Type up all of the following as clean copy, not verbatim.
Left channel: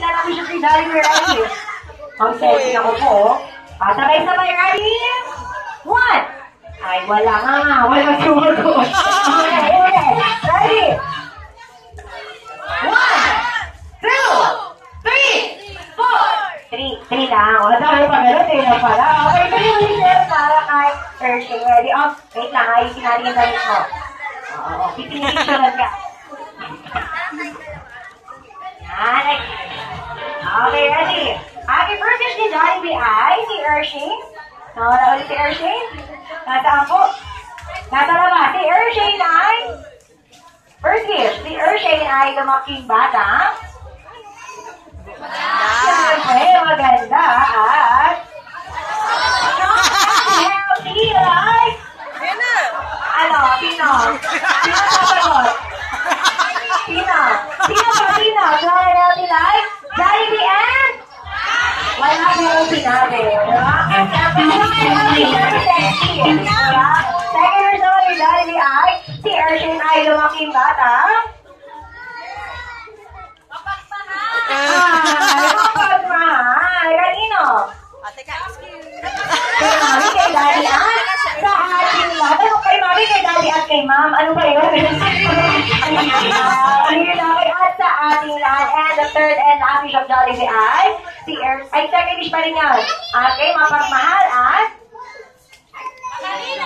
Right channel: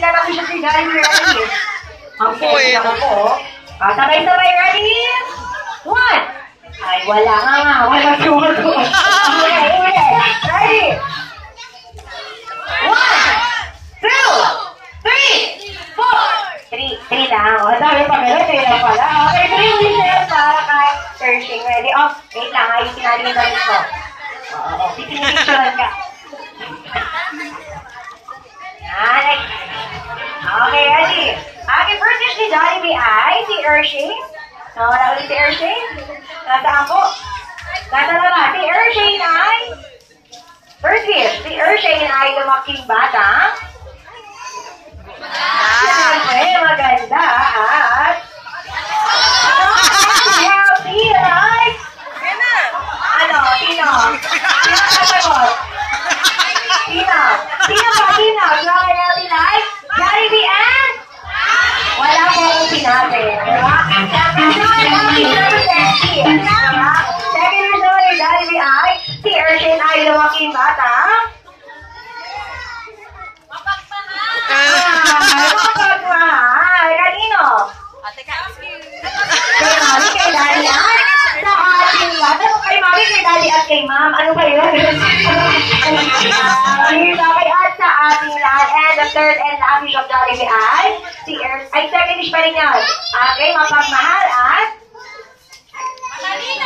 Hindi na siya si Jollibee ready. Okay, ako po. Sabay-sabay ready? 1. Ay, wala nga. Wala sumagot. Okay, ready? 1, 2, 3, 4. 3 lang. O, dami pa gano'n. 3 lang pala. Okay, 3 wishes para kay Pershing. Ready? Oh, wait lang. Ayusin natin yung damit mo. Oo, pipinipicturan ka. Yan. Okay, ready? Happy birthday si Jollibee ay si Ershing. Wala ulit si Ershing. Nasaan po? Nasa labas. Si Ershing ay first wish. Si Ershing ay lumaking bata. Siyempre, maganda at healthy like ano? Sino? Sino sasagot? Sino? Sino ba? Sino? Healthy like Jollibee and wala po akong sinabi. Diba? Second wish naman ni Jollibee ay si Ershing ay lumaking bata. Mapagmahal. Kanino? Kay Mami, kay Daddy at sa ating lahat. Ano kay Mami, kay Daddy at kay Ma'am? Ano ba yun? Kay at sa ating lahat. And the third and last wish of Jollibee ay si ay second wish pa rin yan. Okay, mapagmahal at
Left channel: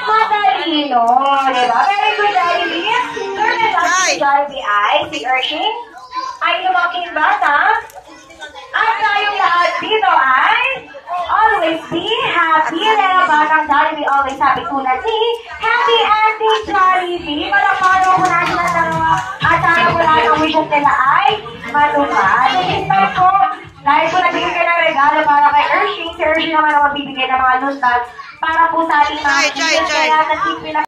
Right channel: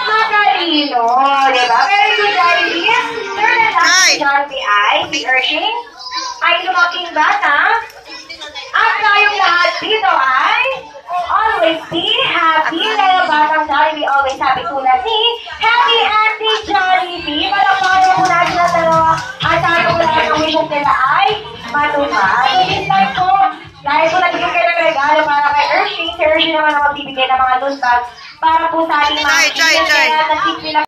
matalino. Diba? Very good, Jollibee. Third and last wish of Jollibee ay si Ershing ay lumaking bata. At tayong lahat dito ay always be happy. Dahil batang Jollibee always happy tulad ni Happy Auntie Jollibee. Malapano po natin ang dalawa. At sana po lahat ang wishes nila ay matupad. So this time po, dahil po nagbigay kayo ng regalo para kay Ershing. Si Ershing naman ang magbibigay ng mga loot bags para po sa ating mga kids. Kaya sa kids nila